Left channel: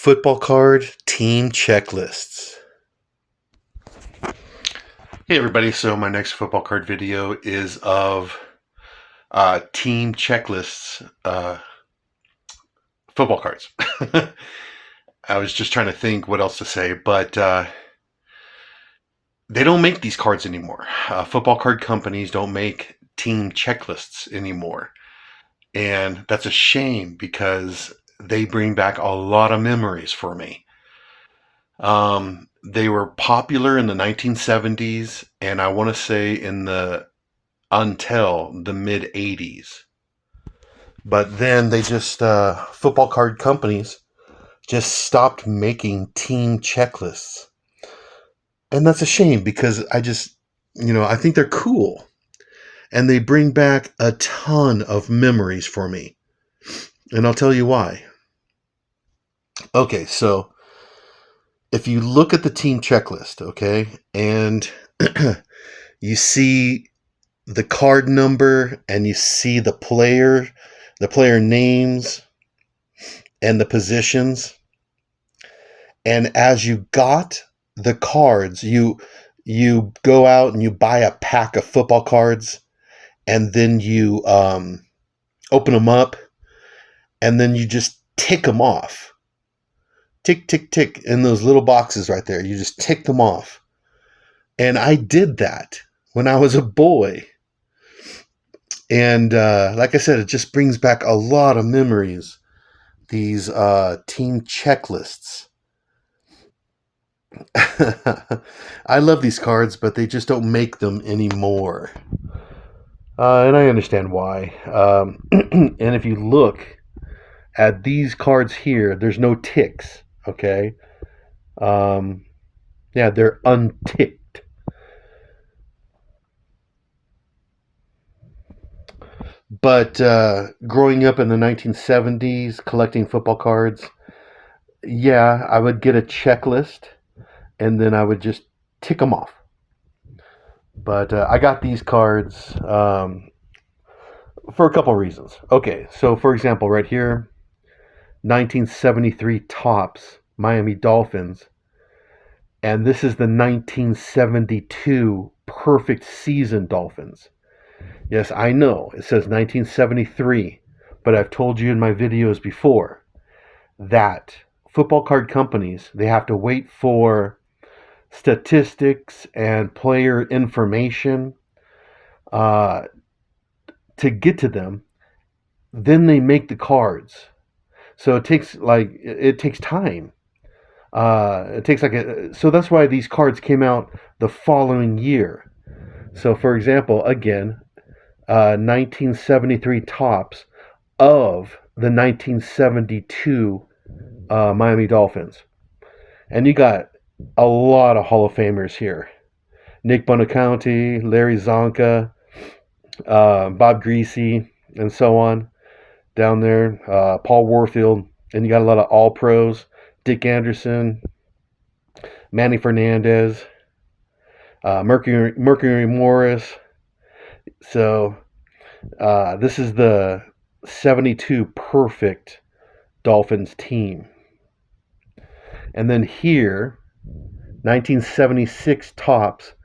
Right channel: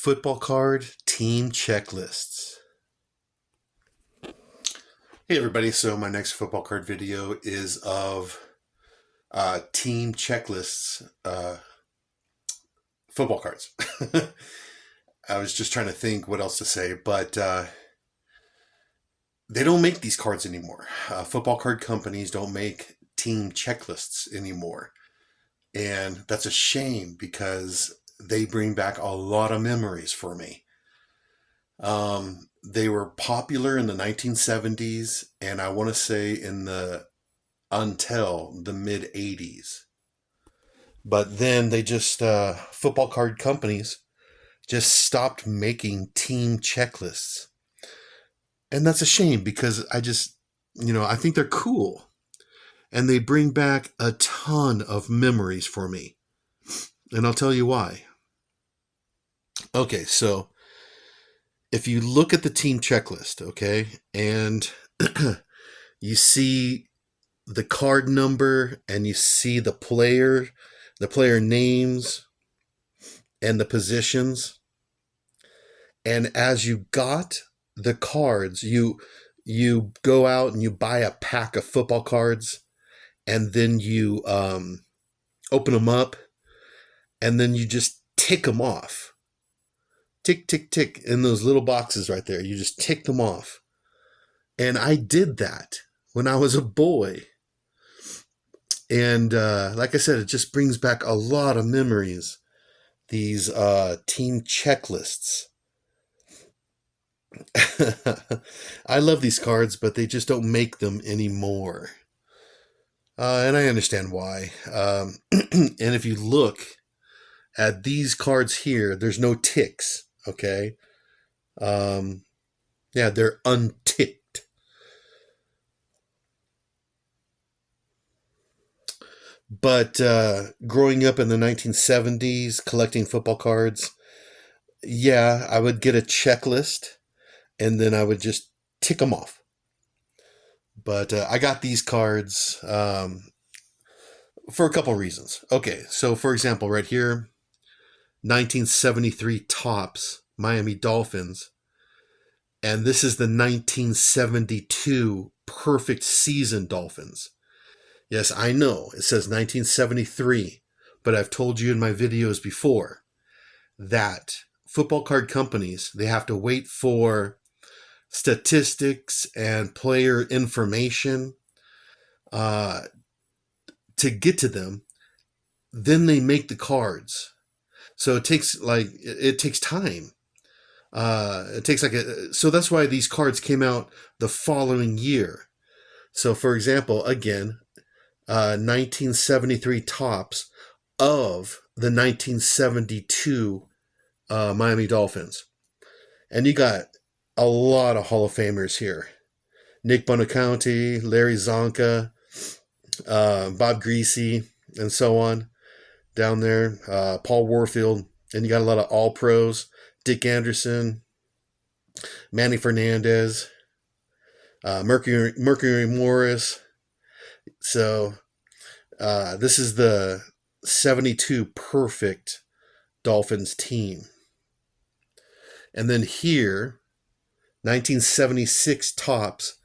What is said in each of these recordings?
Football card team checklists. Hey everybody, so my next football card video is of team checklists, football cards. I was just trying to think what else to say, but they don't make these cards anymore. Football card companies don't make team checklists anymore. And that's a shame because they bring back a lot of memories for me. They were popular in the 1970s, and I want to say until the mid 80s. But then they just, football card companies just stopped making team checklists. And that's a shame because I think they're cool. And they bring back a ton of memories for me. And I'll tell you why. Okay, so if you look at the team checklist, okay, and you see the card number and you see the player names and the positions, and as you got the cards, you go out and you buy a pack of football cards, and then you open them up, and then you just tick them off. Tick, tick, tick, in those little boxes right there. You just tick them off. And I did that when I was a boy. And like I said, it just brings back a lot of memories, these team checklists. I love these cards, but they just don't make them anymore. And I understand why. And if you look at these cards here, there's no ticks, okay? Yeah, they're unticked. But growing up in the 1970s, collecting football cards, yeah, I would get a checklist, and then I would just tick them off. But I got these cards for a couple reasons. Okay, so for example, right here, 1973 Topps Miami Dolphins, and this is the 1972 Perfect Season Dolphins. Yes, I know it says 1973, but I've told you in my videos before that football card companies, they have to wait for statistics and player information to get to them. Then they make the cards. So it takes time. So that's why these cards came out the following year. So for example, again, 1973 Topps of the 1972 Miami Dolphins. And you got a lot of Hall of Famers here. Nick Bonacounti, Larry Zonka, Bob Greasy, and so on down there. Paul Warfield. And you got a lot of All-Pros. Dick Anderson, Manny Fernandez, Mercury Morris. So this is the 72 perfect Dolphins team. And then here, 1976 Topps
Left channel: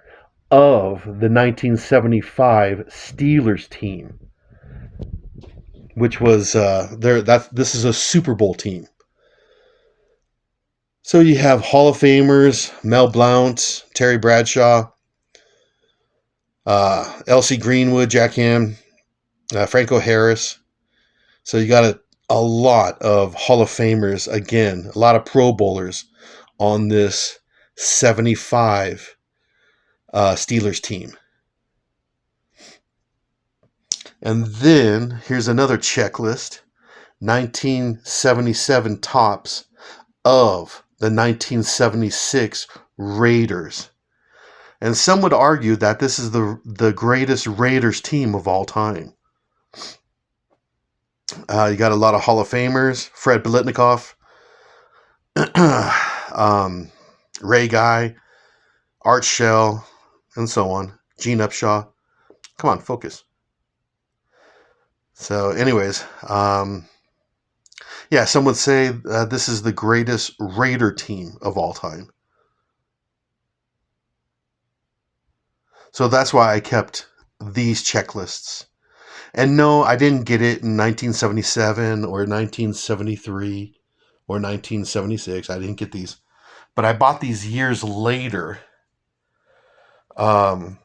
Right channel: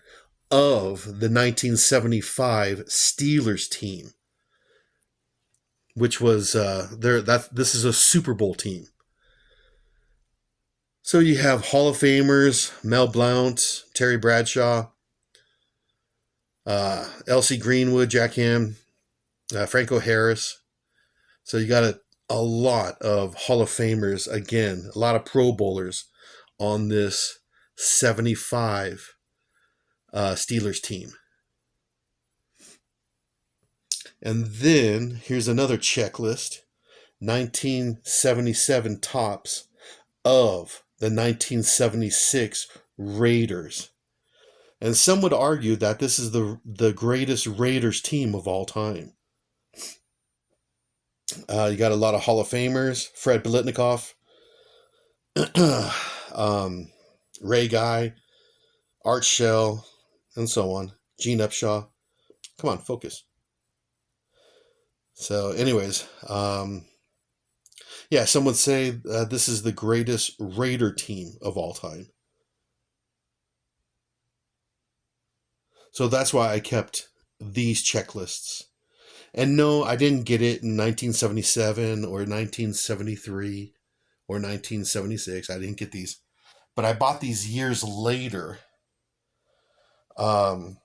of the 1975 Steelers team, which was this is a Super Bowl team. So you have Hall of Famers, Mel Blount, Terry Bradshaw, L.C. Greenwood, Jack Ham, Franco Harris. So you got a lot of Hall of Famers, again, a lot of Pro Bowlers on this 75 Steelers team. And then here's another checklist, 1977 Topps of the 1976 Raiders. And some would argue that this is the greatest Raiders team of all time. You got a lot of Hall of Famers, Fred Biletnikoff, Ray Guy, Art Shell, and so on. Gene Upshaw. Come on, focus. So anyways, Yeah, some would say this is the greatest Raider team of all time. So that's why I kept these checklists. And no, I didn't get it in 1977 or 1973 or 1976. I didn't get these. But I bought these years later um,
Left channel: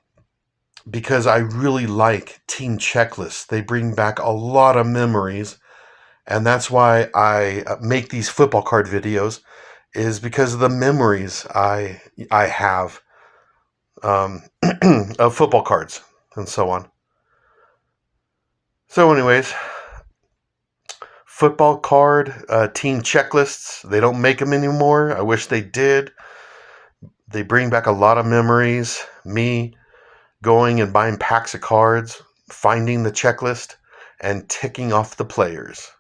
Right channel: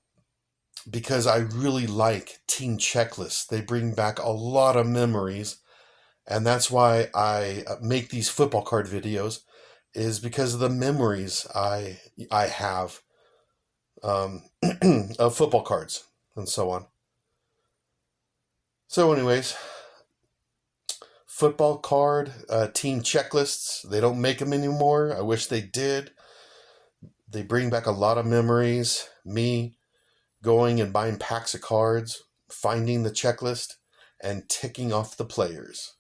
because I really like team checklists. They bring back a lot of memories. And that's why I make these football card videos, is because of the memories I have of football cards and so on. So, anyways, football card team checklists. They don't make them anymore. I wish they did. They bring back a lot of memories. Me going and buying packs of cards, finding the checklist, and ticking off the players.